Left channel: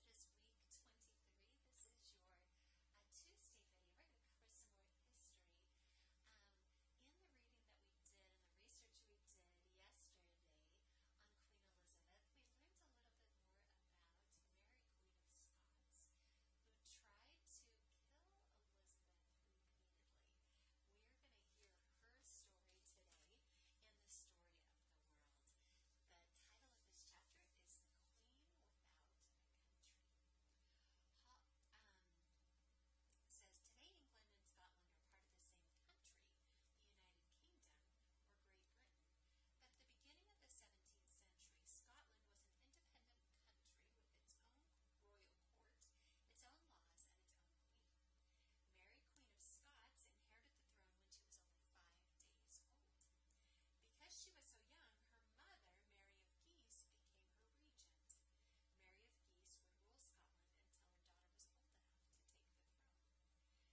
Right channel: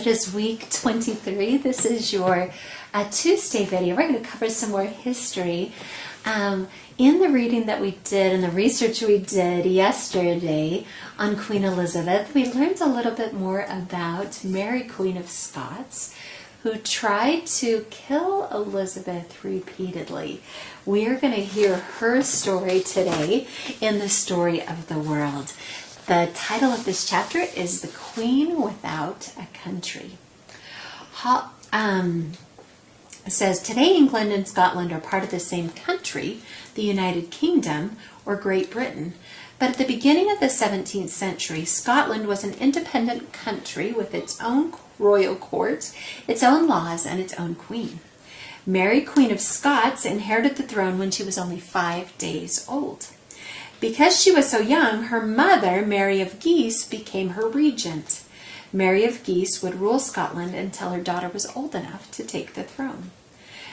It is week 23. This is your Tuesday video. We're going to cover some more history. In the reading that we did and the research we did yesterday on Queen Elizabeth, we learned a little bit more about Mary, Queen of Scots, who tried to kill Elizabeth repeatedly. We are going to hear her story today in the Story of the World. The title of this chapter is The Queen Without a Country. It says, today England and Scotland are part of the same country, the United Kingdom, or Great Britain. But at the beginning of the 17th century, Scotland was an independent country with its own royal court, its own laws, and its own queen. Mary, Queen of Scots, inherited the throne when she was only 5 days old. Because she was so young, her mother, Mary of Guise, became her regent. Mary of Guise would rule Scotland until her daughter was old enough to take the throne.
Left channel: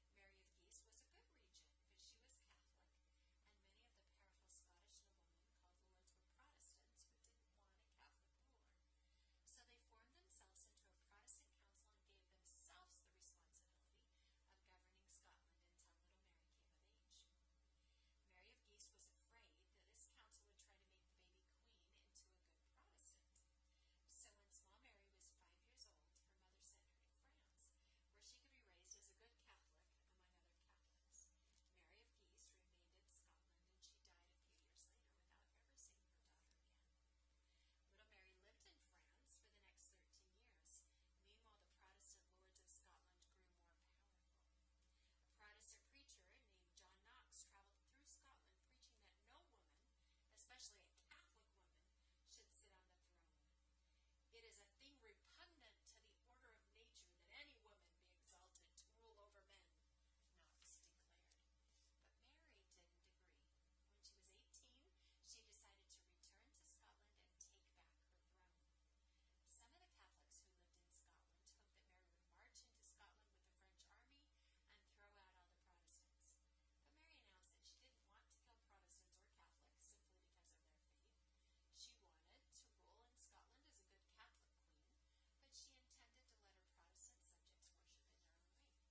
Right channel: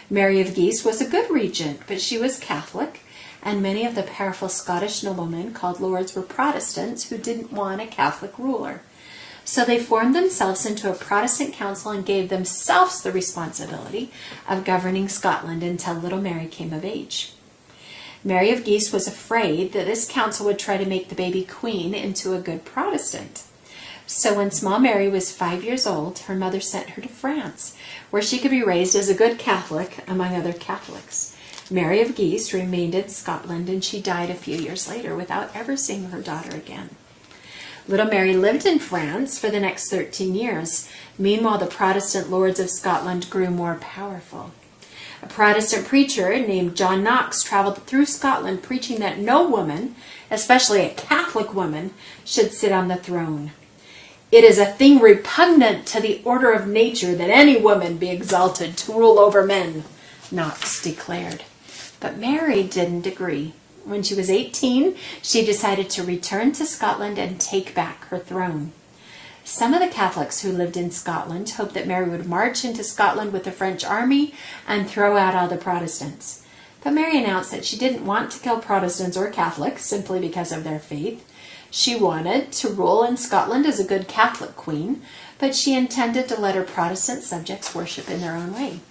Mary of Guise was a good regent, but she was Catholic, and many of the powerful Scottish noblemen called lords were Protestants who didn't want a Catholic ruler. So they formed themselves into a Protestant council and gave themselves the responsibility of governing Scotland until little Mary came of age. Mary of Guise was afraid that this council would try to make the baby queen into a good Protestant. So when small Mary was 5 years old, her mother sent her to France, where she could be raised as a good Catholic among other Catholics. Mary of Guise remained in Scotland, and she died a few years later without ever seeing her daughter again. Little Mary lived in France for the next 13 years. Meanwhile, the Protestant lords of Scotland grew more powerful. A Protestant preacher named John Knox traveled through Scotland preaching that no woman, especially a Catholic woman, should sit on the throne. It is a thing repugnant to the order of nature that any woman be exalted to rule over men, Knox declared. But Mary didn't agree. When she was 18, she decided to return to Scotland and take back her throne. Some of the Catholics who lived in Scotland hoped that Mary would march into Scotland with the French army and throw out all the Protestants. But Mary announced that she didn't want to kill Protestants or Catholics simply because of their faith. She wanted to rule in Scotland as a good Catholic queen, but she intended to let her Protestant subjects worship in their own way.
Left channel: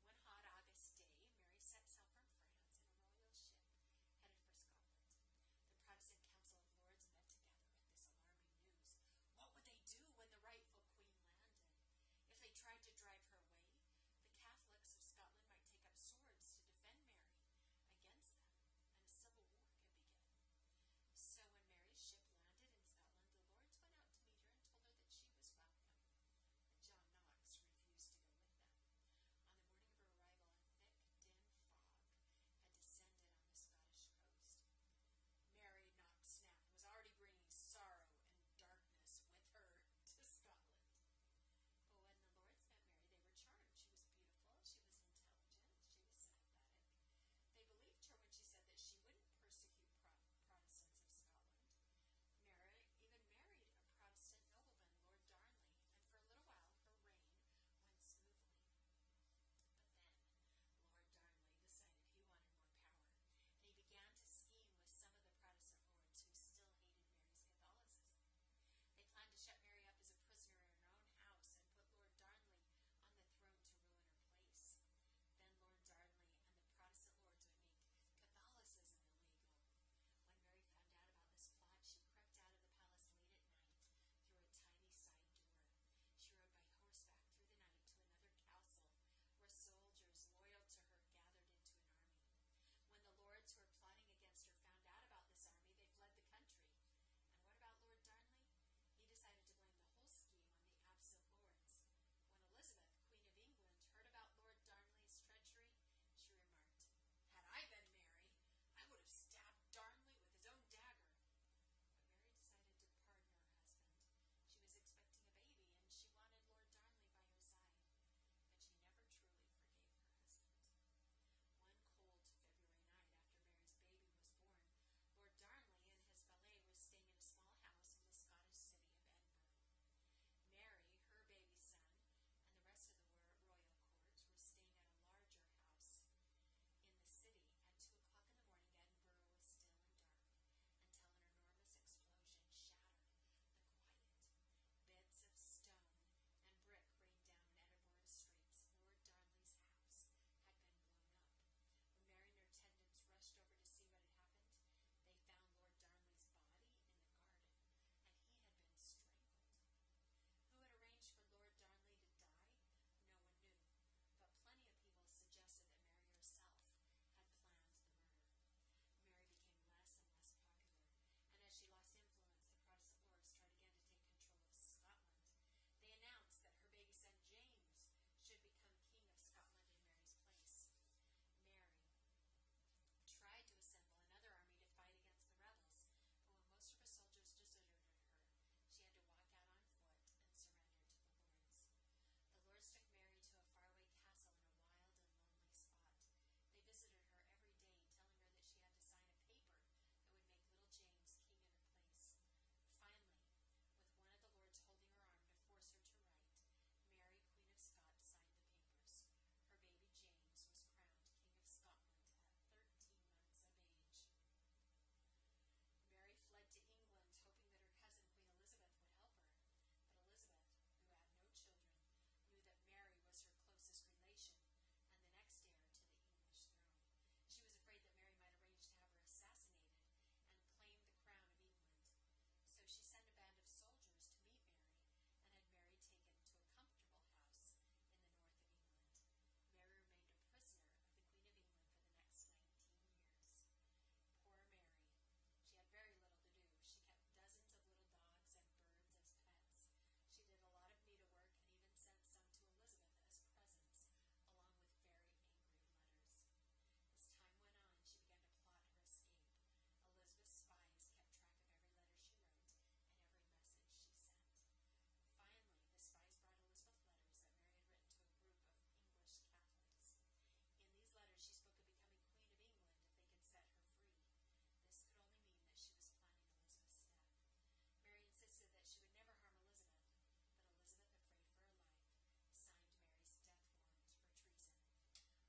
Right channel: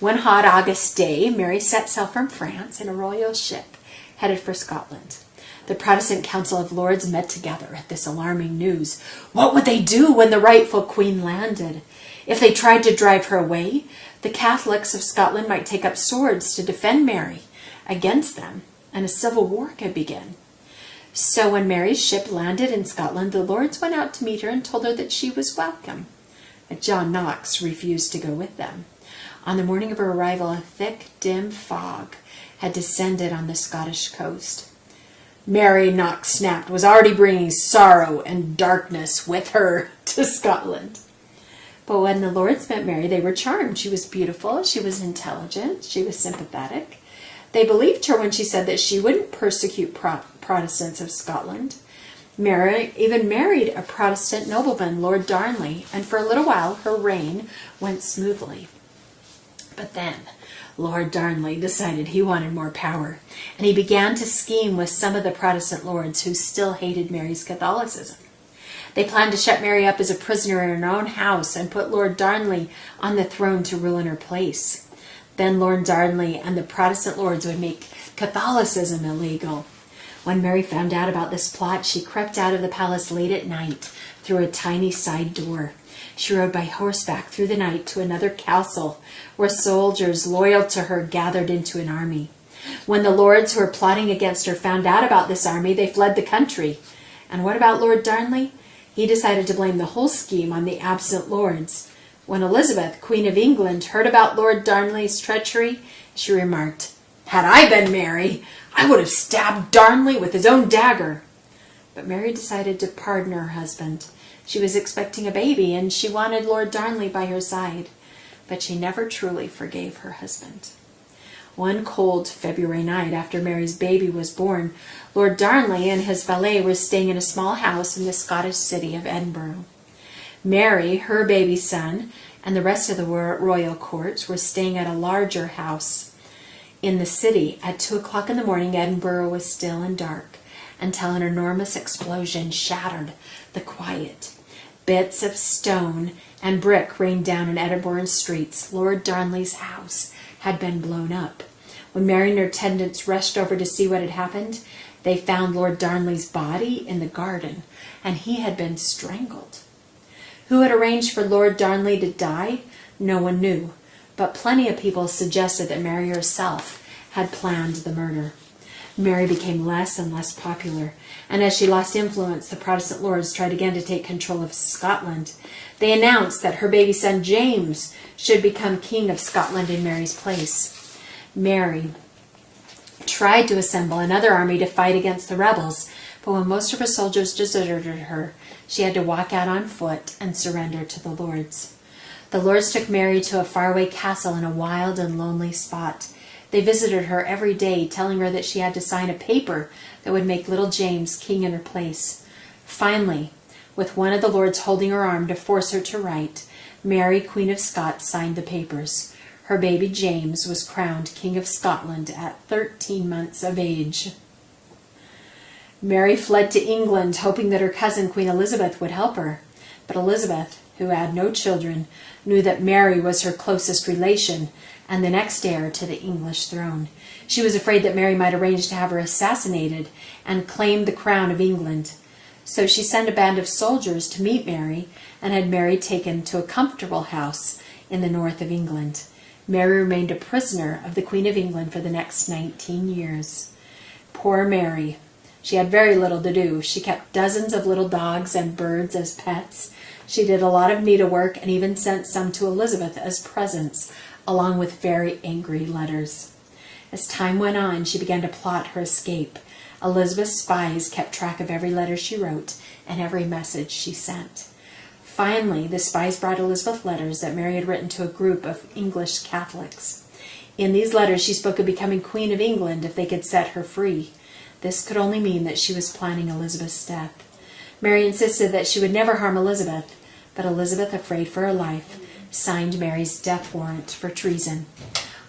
One hot August day, Mary set sail from France in a royal ship headed for Scotland. The Protestant Council of Lords met together at this alarming news. What would they do when the rightful queen landed? If they tried to drive her away, the Catholics of Scotland might take up swords to defend Mary against them, and a civil war could begin. So when Mary's ship landed in Scotland, the lords went out to meet her and told her that she was welcome. But John Knox refused to go with them. On the morning of her arrival, a thick, dim fog had descended on the Scottish coast. Mary, Knox snapped, was already bringing sorrow and darkness with her to Scotland. But when the lords met Mary, they were charmed. She was beautiful, she was intelligent, she was sympathetic. They believed her when she said that she wouldn't persecute Protestants of Scotland. Mary even married a Protestant nobleman, Lord Darnley, and for a little while her reign went smoothly. But then Lord Darnley decided he wanted more power, and he began to scheme with some of the Protestant lords who still hated Mary's Catholicism. They planned to shut Mary up as a prisoner in her own house and put Lord Darnley on the throne to rule in her place. Then Lord Darnley and the Protestant lords would make Catholicism illegal. When Mary found out about this plot, she crept out of the palace late at night through a tiny side door. She rode by horseback through the night to another castle where soldiers loyal to her gathered into an army. When the lords who were plotting against her found out about this army, they fled the country. And what about Lord Darnley? He decided to blame the whole scheme on the absent lords. When Elizabeth, Queen of England, heard about Lord Darnley's treachery, she remarked, "Had I been Mary, I would have stabbed Darnley with his own dagger." But Mary decided to pardon her husband. She was expecting a baby, and she wanted Lord Darnley by her side, but she never truly forgave her husband. One cold February night after Mary's baby was born, Lord Darnley and his valet were staying in a small house in the Scottish city of Edinburgh. Mary, her baby son, and the rest of the royal court were staying at a larger house in the city. At 2 o'clock in the morning, Edinburgh was still and dark until an enormous explosion shattered the quiet. Bits of stone and brick rained down in Edinburgh streets. Lord Darnley's house had been blown up. When Mary and her attendants rushed over to see what had happened, they found Lord Darnley's body in the garden, and he had been strangled. Who had arranged for Lord Darnley to die? No one knew, but plenty of people suggested that Mary herself had planned the murder. Mary became less and less popular, and as she lost influence, the Protestant lords tried again to take control of Scotland. They announced that her baby son James should become King of Scotland in Mary's place. Mary tried to assemble another army to fight against the rebels, but when most of her soldiers deserted her, she had to walk out on foot and surrender to the lords. The lords took Mary to a faraway castle in a wild and lonely spot. They visited her every day, telling her that she had to sign a paper that would make little James king in her place. Finally, with one of the lords holding her arm to force her to write, Mary, Queen of Scots, signed the papers. Her baby James was crowned King of Scotland at 13 months of age. Mary fled to England, hoping that her cousin Queen Elizabeth would help her. But Elizabeth, who had no children, knew that Mary was her closest relation and the next heir to the English throne. She was afraid that Mary might arrange to have her assassinated and claim the crown of England. So she sent a band of soldiers to meet Mary and had Mary taken to a comfortable house in the north of England. Mary remained a prisoner of the Queen of England for the next 19 years. Poor Mary. She had very little to do. She kept dozens of little dogs and birds as pets. She did a lot of needlework and even sent some to Elizabeth as presents, along with very angry letters. As time went on, she began to plot her escape. Elizabeth's spies kept track of every letter she wrote and every message she sent. Finally, the spies brought Elizabeth letters that Mary had written to a group of English Catholics. In these letters, she spoke of becoming Queen of England if they could set her free. This could only mean that she was planning Elizabeth's death. Mary insisted that she would never harm Elizabeth, but Elizabeth, afraid for her life, signed Mary's death warrant for treason.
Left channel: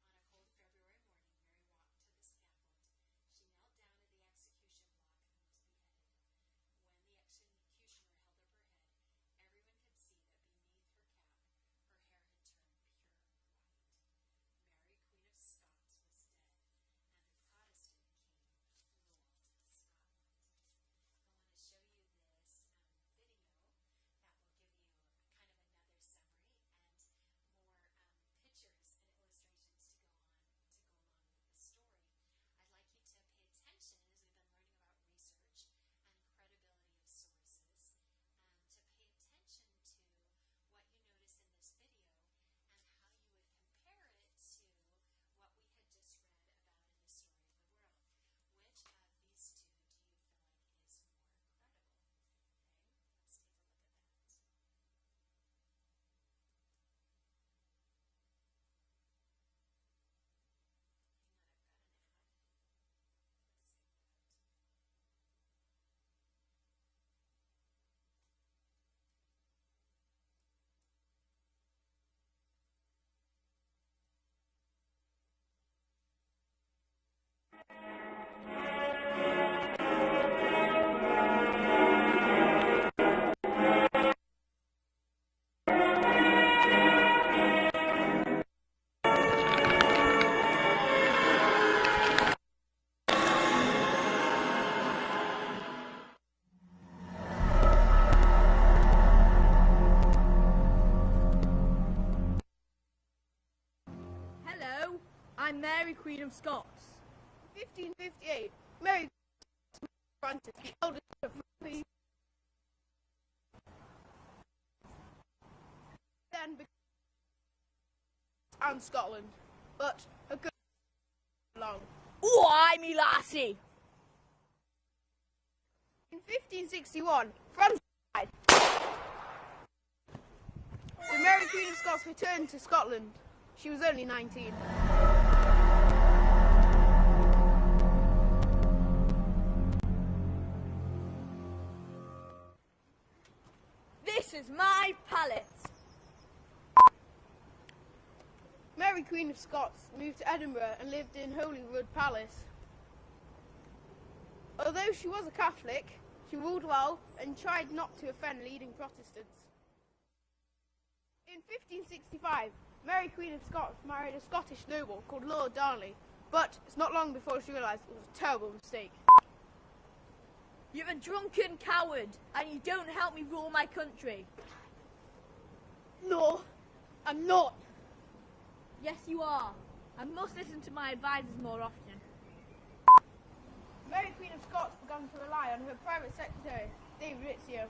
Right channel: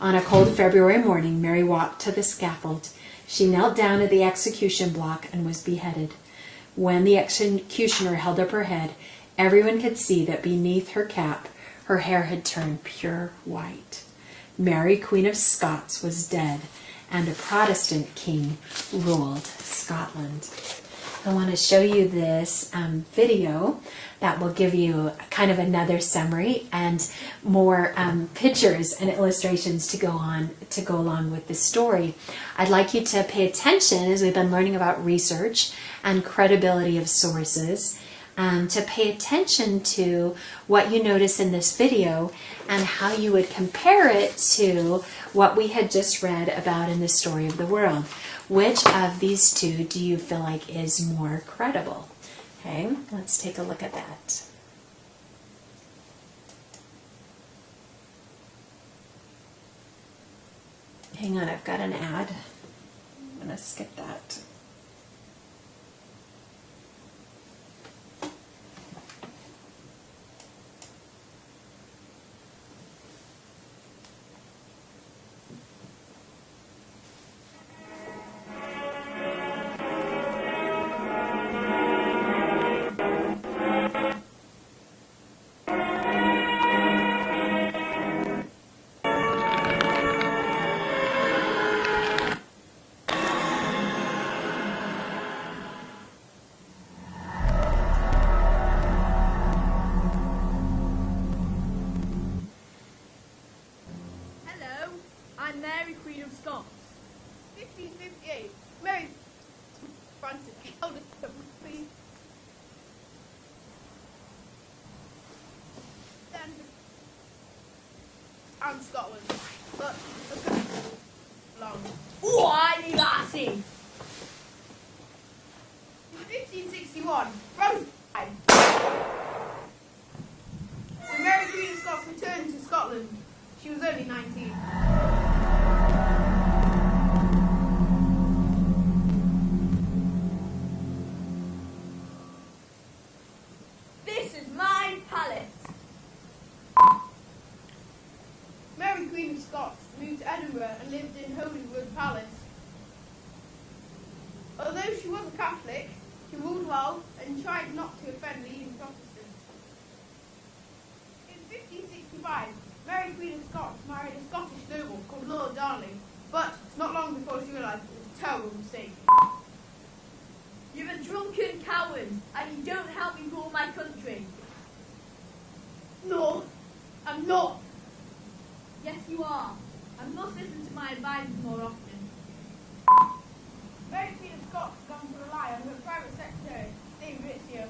On a cold February morning, Mary walked to the scaffold. She knelt down at the execution block and was beheaded. When the executioner held up her head, everyone could see that beneath her cap, her hair had turned pure white. Mary, Queen of Scots, was dead, and a Protestant king ruled Scotland. I want to show you this video that will give you kind of another summary and more pictures and illustrations to go along with the story. I'd like you to pay attention, as we've been learning about research and credibility of sources, to pay attention to what you notice in this video and how you would compare it to what we had just read about in the story of the world. Which of these two do you feel like is more credible? Okay, let's take a look at that. Hang on, I've got an ad. I'm going to skip that. I'm Mary, Queen of Scots. 1558. Mary Francis, eldest of Queen and Scotland, but a good long. Why, me lassie? In 1561, Francis died. So Mary, Queen of Scots, returned to Scotland. She was only 19. This is my palace. Mary, Queen of Scots, moved to Edinburgh and lived in Holyrood Palace. Although she was a Catholic, she ruled well and tried not to offend leading Protestants. 1505, Mary Queen of Scots married a Scottish noble called Lord Darnley, but it's not long before she realised it was a terrible mistake. You're a drunken coward, and you don't help me rule my country. No, I'm not. Yes, you are. I must listen to my advisors more often. Mary Queen of Scots began to rely on her private secretary, David Rizzio.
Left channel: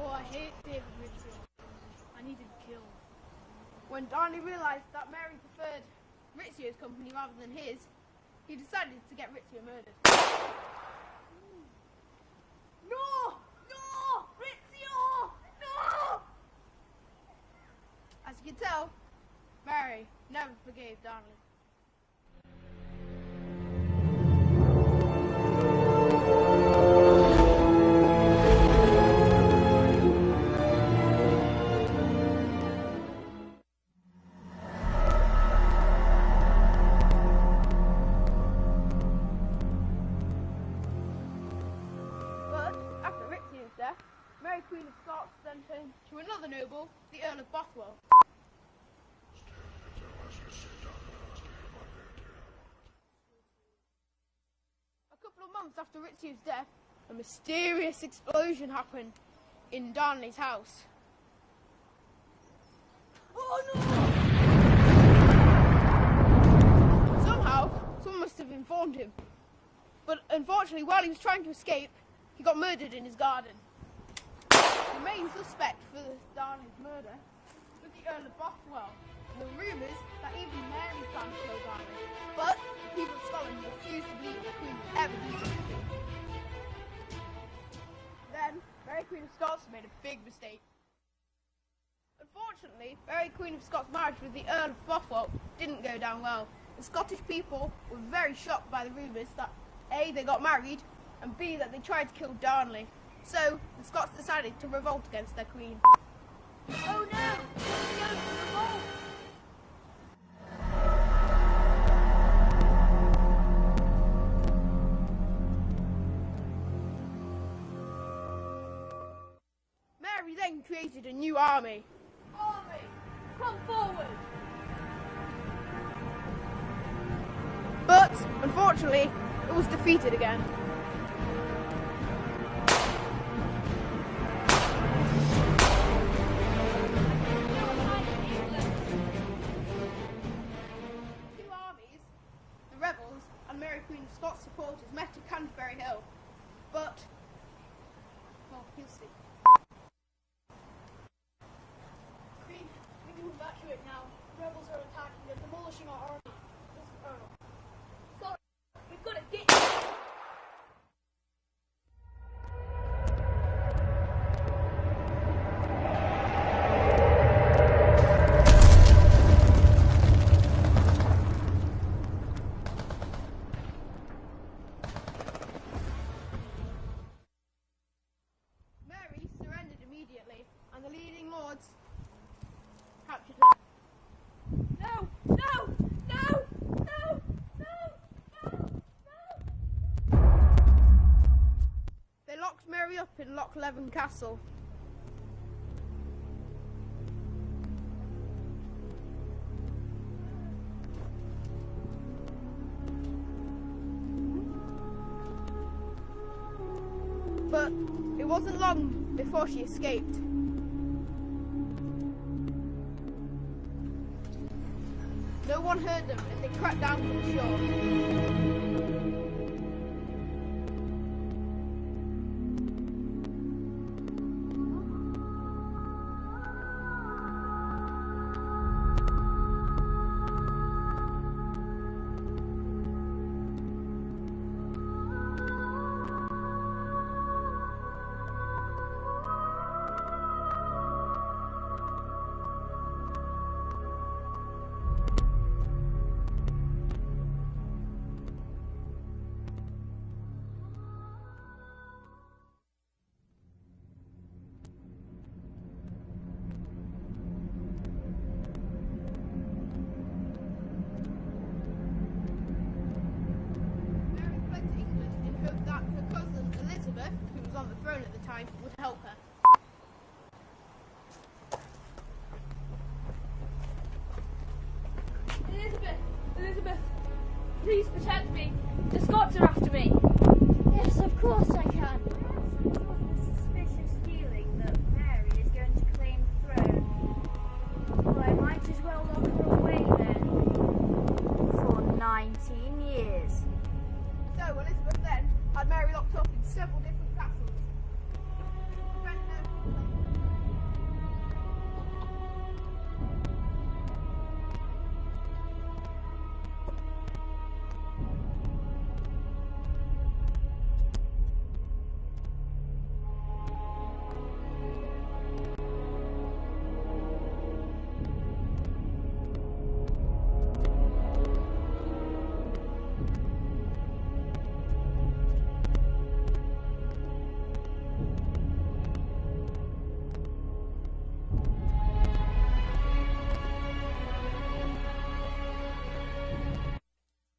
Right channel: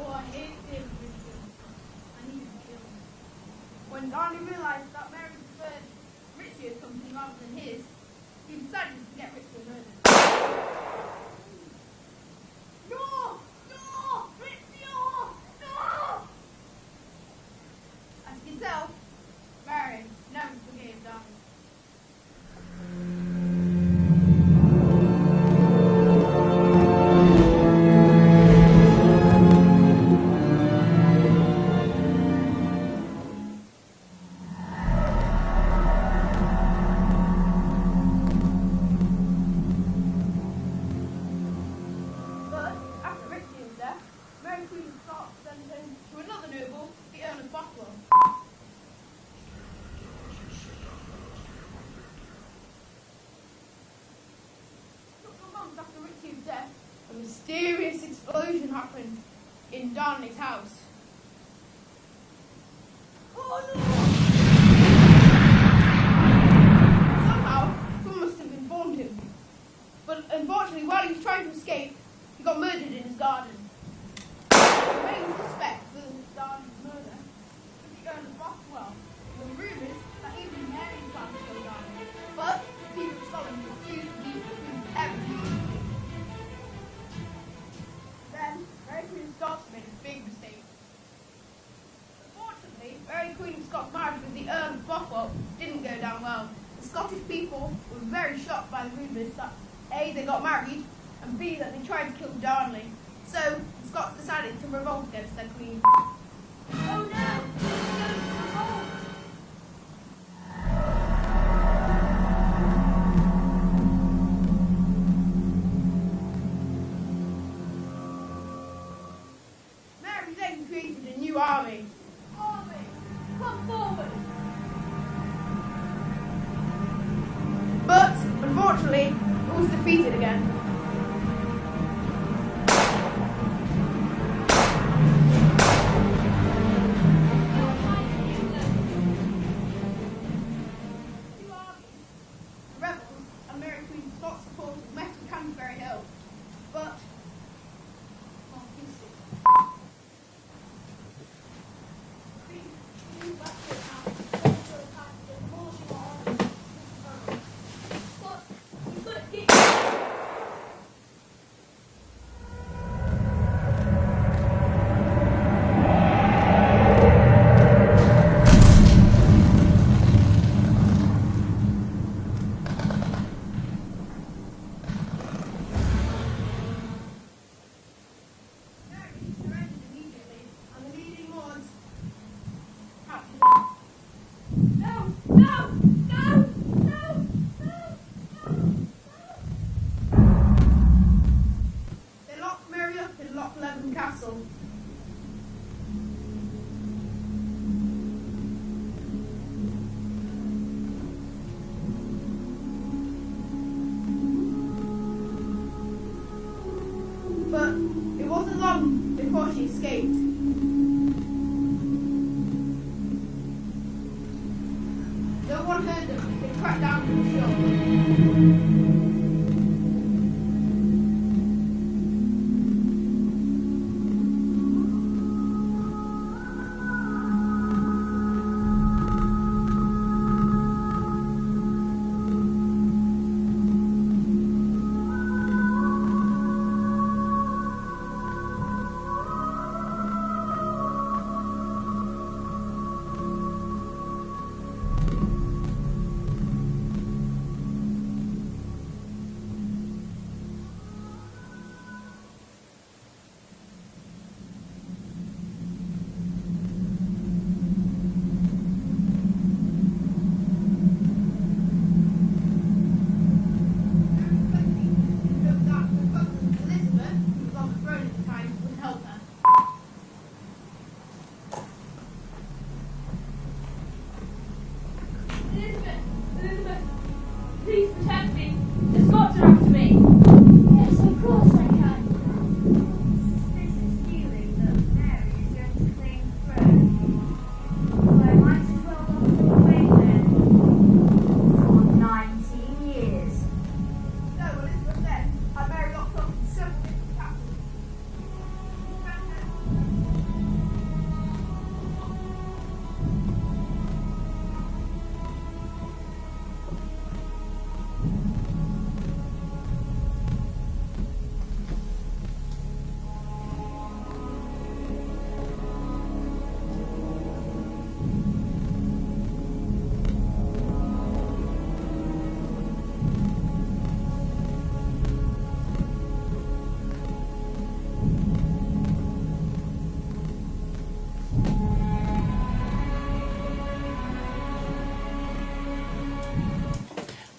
Oh, I hate David Rizzio. I need him killed. When Darnley realised that Mary preferred Rizzio's company rather than his, he decided to get Rizzio murdered. No! No! Rizzio! No! As you can tell, Mary never forgave Darnley. But after Rizzio's death, Mary Queen of Scots then turned to another noble, the Earl of Bothwell. A couple of months after Rizzio's death, a mysterious explosion happened in Darnley's house. Oh no! Somehow, someone must have informed him. But unfortunately, while he was trying to escape, he got murdered in his garden. The main suspect for Darnley's murder was the Earl of Bothwell. And the rumours that even Mary planned to kill Darnley. But people in Scotland refused to believe the Queen would ever do such a thing. Then, Mary Queen of Scots made a big mistake. Unfortunately, Mary Queen of Scots' marriage with the Earl of Bothwell didn't go down well. The Scottish people were very shocked by the rumours that A, they got married, and B, that they tried to kill Darnley. So, the Scots decided to revolt against their queen. Oh no! We're going to revolt! Mary then created a new army. Army, come forward! But, unfortunately, it was defeated again. Don't hide in England! Two armies, the rebels and Mary Queen of Scots supporters, met at Canterbury Hill. But, well, you'll see. We move back to it now. Rebels are attacking. They're demolishing our army. But we've got to get you. Mary surrendered immediately, and the leading lords captured her. No! No! No! No! No! No! They locked Mary up in Loch Leven Castle. But it wasn't long before she escaped. No one heard them as they cracked down to the shore.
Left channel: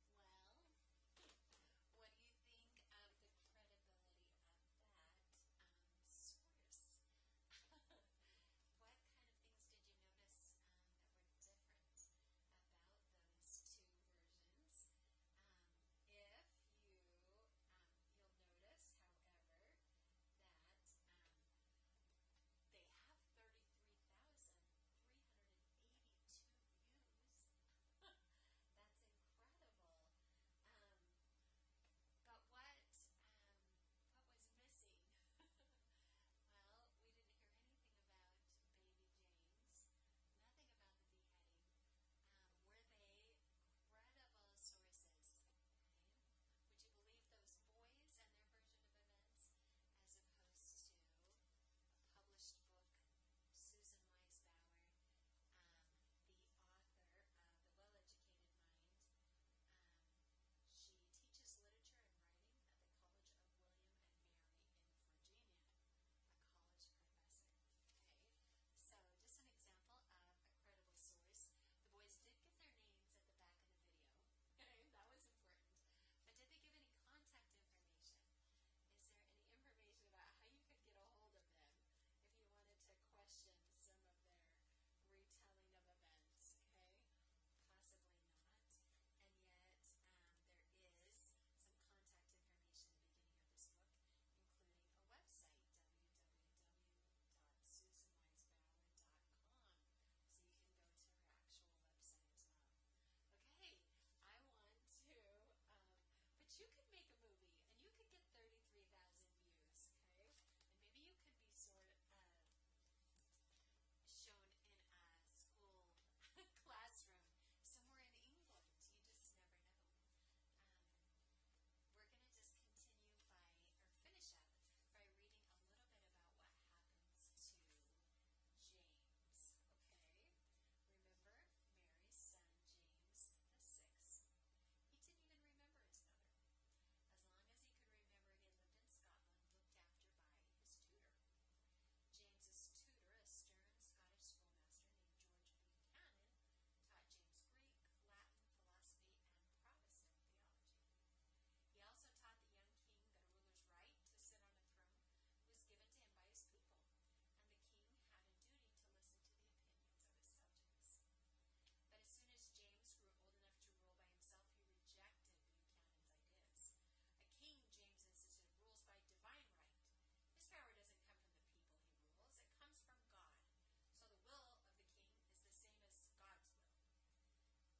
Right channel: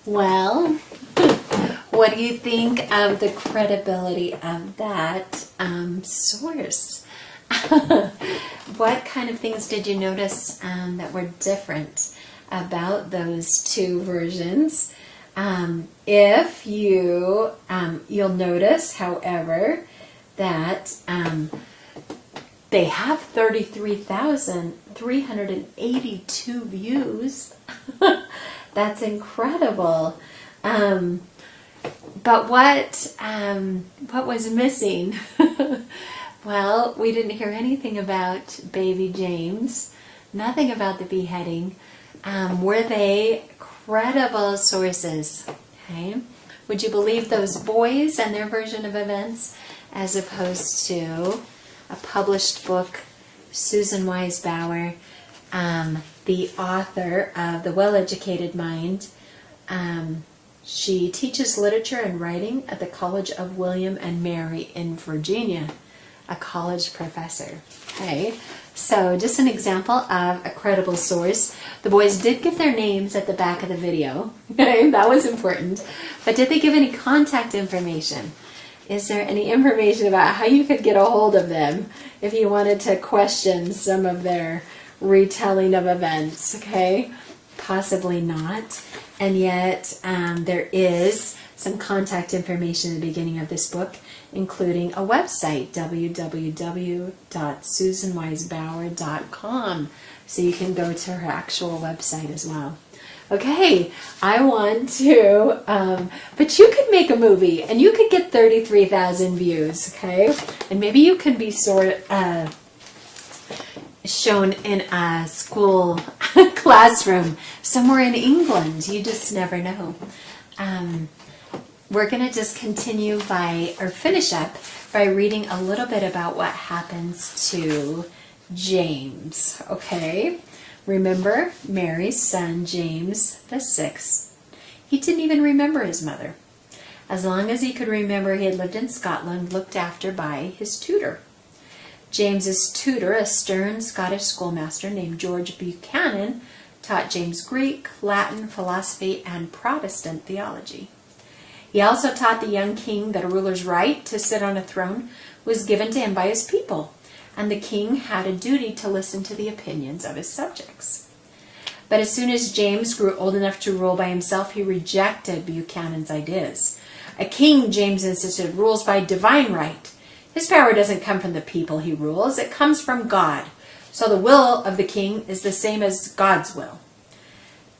Well, what do you think of the credibility of that source? What kind of things did you notice that were different about those two versions? If you'll notice, however, that they have 33,382 views. That's incredible. But what was missing? Well, we didn't hear anything about baby James, nothing about the beheading. Were they credible sources? Okay. Would you believe those boys and their version of events as opposed to a published book, Susan Wise Bauer, the author of The Well-Educated Mind? She teaches literature and writing at the College of William and Mary in Virginia, a college professor. Okay, so just an example of a credible source. The boys did give their names at the back of the video. Okay, that was important. But did they give any contact information? Is there any information about how you could get a hold of them if you wanted to question some of their retelling of events? Okay, possibly not. And yet there is some contact information at the beginning of this book, including a website, www.susanwisebauer.com. So you can go to her actual website as well. Okay, I want to, but you could make a movie and you could get 33,000 views, okay? And maybe you can be shown in a school classroom somewhere in England. You just never know. We're going to just continue finish up by reading a little bit about what happens to James, okay? Remember Mary's son, James the 6th. He didn't even remember his mother. As long as he could remember, he had lived in Scotland, looked after by his tutor. James's tutor, a stern Scottish schoolmaster named George Buchanan, taught James Greek, Latin, philosophy, and Protestant theology. He also taught the young king that a ruler's right to sit on a throne was given to him by his people, and the king had a duty to listen to the opinions of his subjects. But as soon as James grew old enough to rule by himself, he rejected Buchanan's ideas. A king, James insisted, rules by divine right. His power doesn't come from the people he rules, it comes from God. So the will of the king is the same as God's will.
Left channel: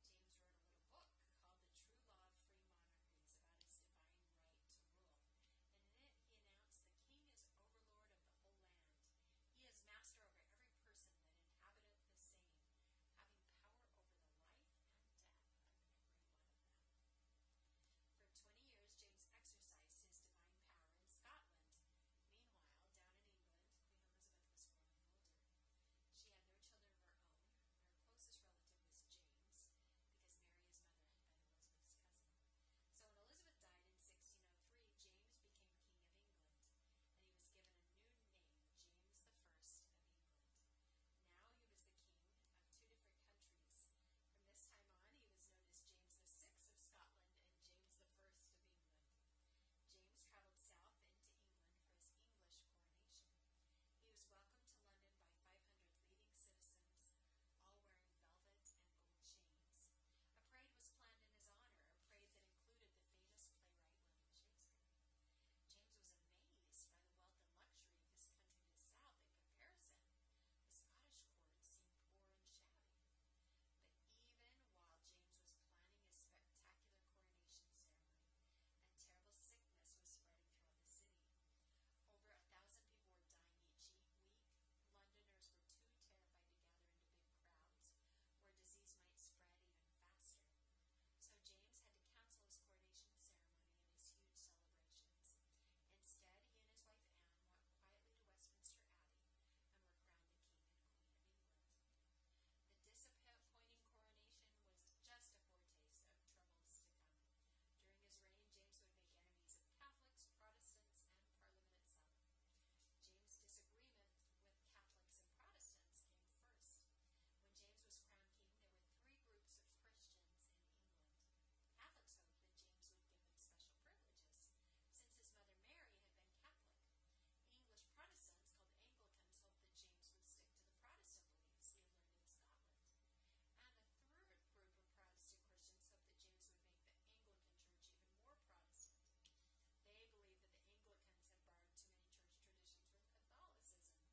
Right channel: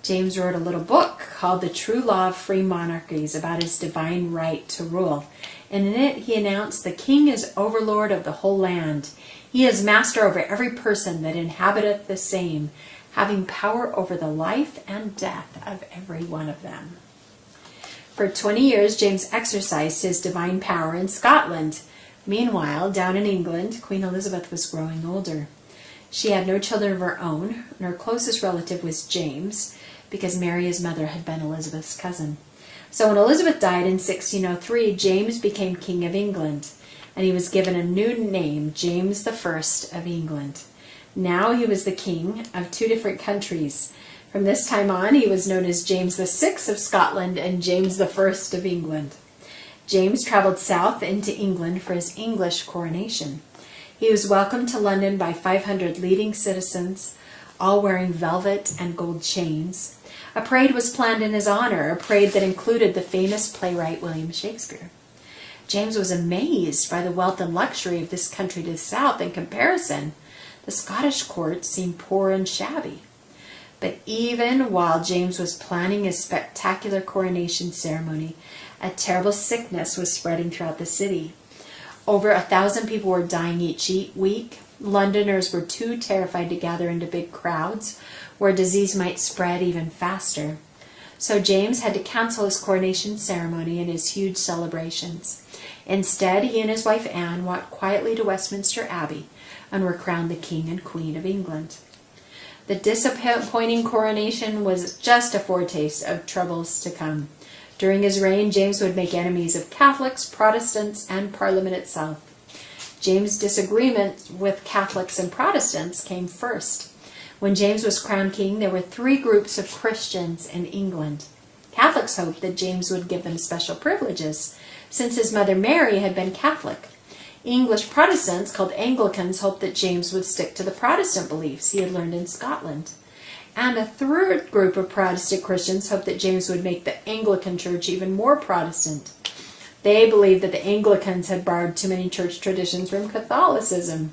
James wrote a little book called The True Law of Free Monarchies about his divine right to rule. And in it he announced the king is overlord of the whole land. He is master over every person that inhabiteth the same, having power over the life and death of every one of them. For 20 years James exercised his divine power in Scotland. Meanwhile, down in England, Queen Elizabeth was growing older. She had no children of her own, and her closest relative was James, because Mary, his mother, had been Elizabeth's cousin. So when Elizabeth died in 1603, James became King of England, and he was given a new name, James I of England. Now he was the king of two different countries. From this time on, he was known as James VI of Scotland and James I of England. James traveled south into England for his English coronation. He was welcomed to London by 500 leading citizens, all wearing velvet and gold chains. A parade was planned in his honor, a parade that included the famous playwright William Shakespeare. James was amazed by the wealth and luxury of this country to the south. In comparison, the Scottish court seemed poor and shabby. But even while James was planning his spectacular coronation ceremony, a terrible sickness was spreading throughout the city. Over 1,000 people were dying each week. Londoners were too terrified to gather into big crowds, where disease might spread even faster. So James had to cancel his coronation ceremony and his huge celebrations. Instead, he and his wife Anne walked quietly to Westminster Abbey and were crowned the King and Queen of England. The disappointing coronation was just a foretaste of troubles to come. During his reign, James would make enemies of Catholics, Protestants, and Parliament itself. James' disagreement with Catholics and Protestants came first. When James was crowned king, there were three groups of Christians in England: Catholics hoped that James would give them special privileges, since his mother Mary had been Catholic. English Protestants, called Anglicans, hoped that James would stick to the Protestant beliefs he had learned in Scotland. And a third group of Protestant Christians hoped that James would make the Anglican Church even more Protestant. They believed that the Anglicans had borrowed too many church traditions from Catholicism.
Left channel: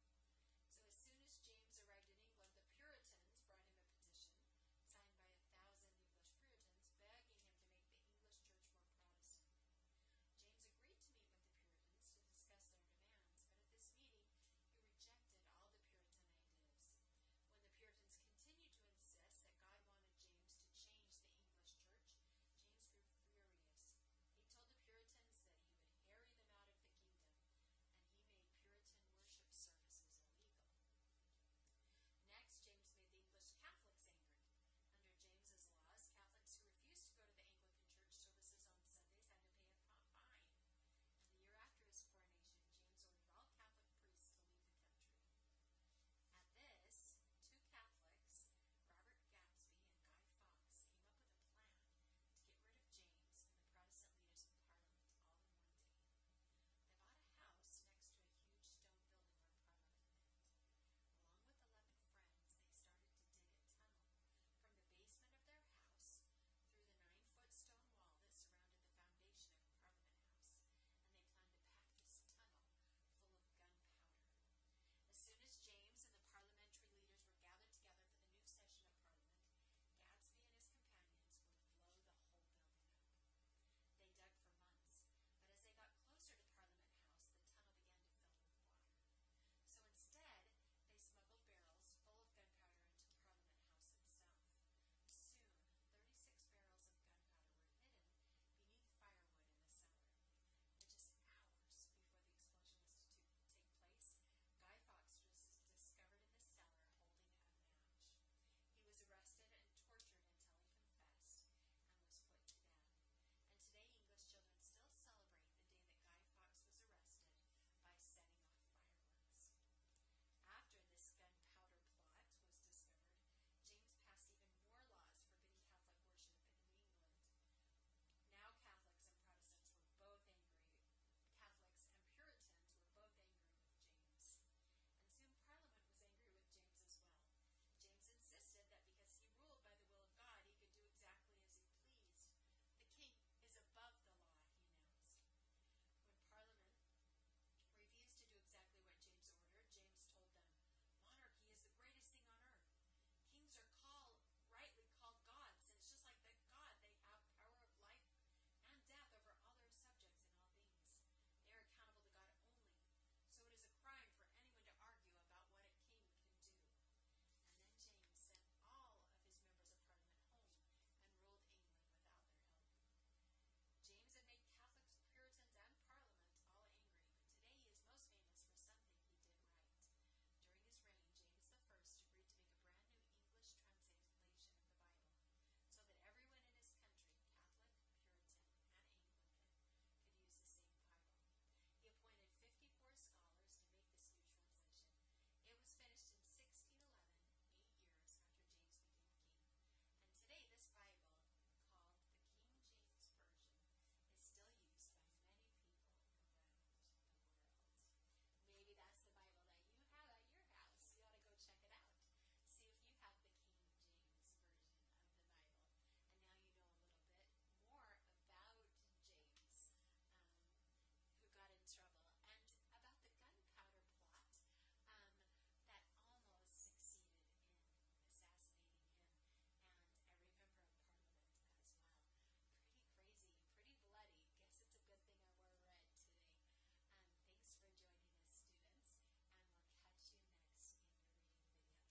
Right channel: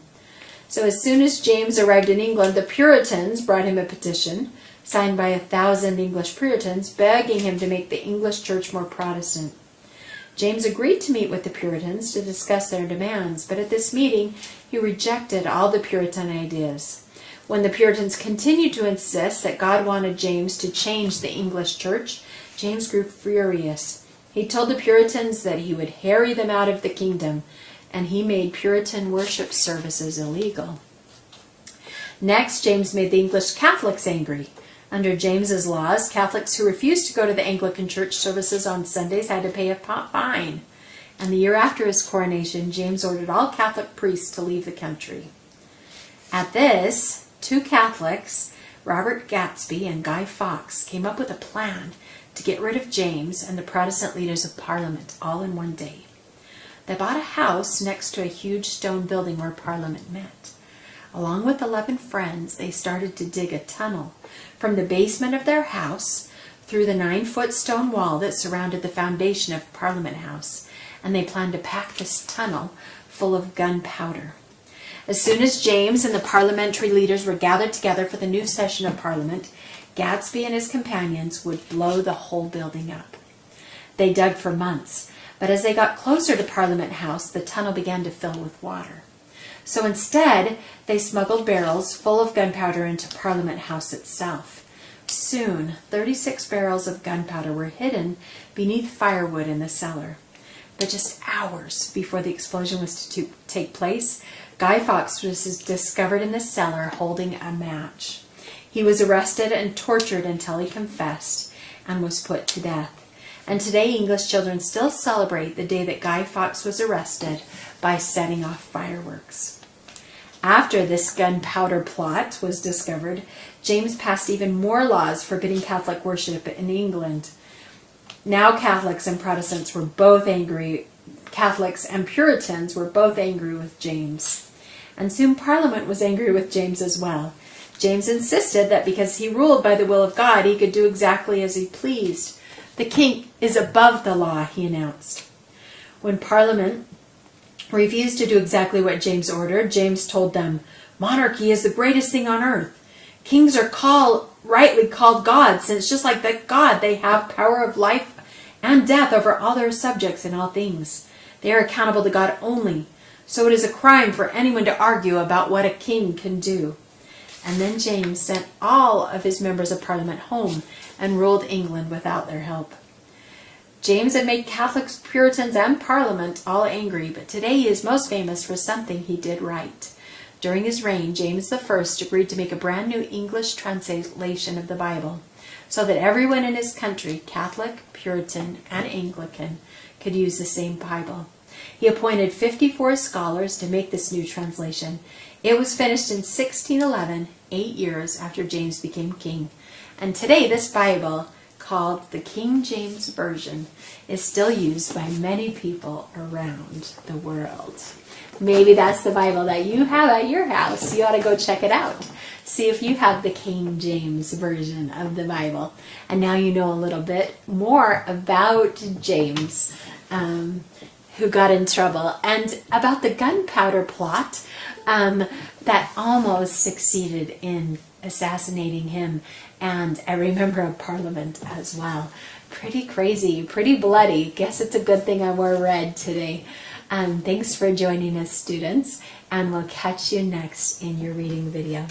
So as soon as James arrived in England, the Puritans brought him a petition, signed by 1,000 English Puritans, begging him to make the English church more Protestant. James agreed to meet with the Puritans to discuss their demands, but at this meeting he rejected all the Puritan ideas. When the Puritans continued to insist that God wanted James to change the English church, James grew furious. He told the Puritans that he would harry them out of the kingdom, and he made Puritan worship services illegal. Next, James made the English Catholics angry. Under James's laws, Catholics who refused to go to the Anglican church services on Sundays had to pay a fine. And the year after his coronation, James ordered all Catholic priests to leave the country. At this, two Catholics, Robert Gatsby and Guy Fawkes, came up with a plan to get rid of James and the Protestant leaders of Parliament all in one day. They bought a house next to a huge stone building where Parliament met. Along with 11 friends, they started to dig a tunnel from the basement of their house through the 9-foot stone wall that surrounded the foundation of Parliament House, and they planned to pack this tunnel full of gunpowder. As soon as James and the parliamentary leaders were gathered together for the new session of Parliament, Gatsby and his companions would blow the whole building up. They dug for months, but as they got closer to Parliament House, the tunnel began to fill with water. So instead, they smuggled barrels full of gunpowder into Parliament House itself. Soon, 36 barrels of gunpowder were hidden beneath firewood in the cellar. But just hours before the explosion was to take place, Guy Fawkes was discovered in the cellar holding a match. He was arrested and tortured until he confessed and was put to death. And today, English children still celebrate the day that Guy Fawkes was arrested by setting off fireworks. After this gunpowder plot was discovered, James passed even more laws forbidding Catholic worship in England. Now Catholics and Protestants were both angry. Catholics and Puritans were both angry with James. And soon Parliament was angry with James as well. James insisted that because he ruled by the will of God, he could do exactly as he pleased. The king is above the law, he announced. When Parliament refused to do exactly what James ordered, James told them, "Monarchy is the greatest thing on earth. Kings are rightly called gods, since just like the God, they have power of life and death over all their subjects in all things. They are accountable to God only, so it is a crime for anyone to argue about what a king can do." And then James sent all of his members of Parliament home and ruled England without their help. James had made Catholics, Puritans, and Parliament all angry, but today he is most famous for something he did right. During his reign, James I agreed to make a brand new English translation of the Bible so that everyone in his country, Catholic, Puritan, and Anglican, could use the same Bible. He appointed 54 scholars to make this new translation. It was finished in 1611, 8 years after James became king. And today this Bible, called the King James Version, is still used by many people around the world. Maybe that's the Bible that you have at your house. You ought to go check it out. See if you have the King James Version of the Bible. And now you know a little bit more about James, who got in trouble, and about the gunpowder plot that almost succeeded in assassinating him and every member of Parliament as well. Pretty crazy, pretty bloody. Guess it's a good thing I wore red today. Thanks for joining us, students, and we'll catch you next in your reading video.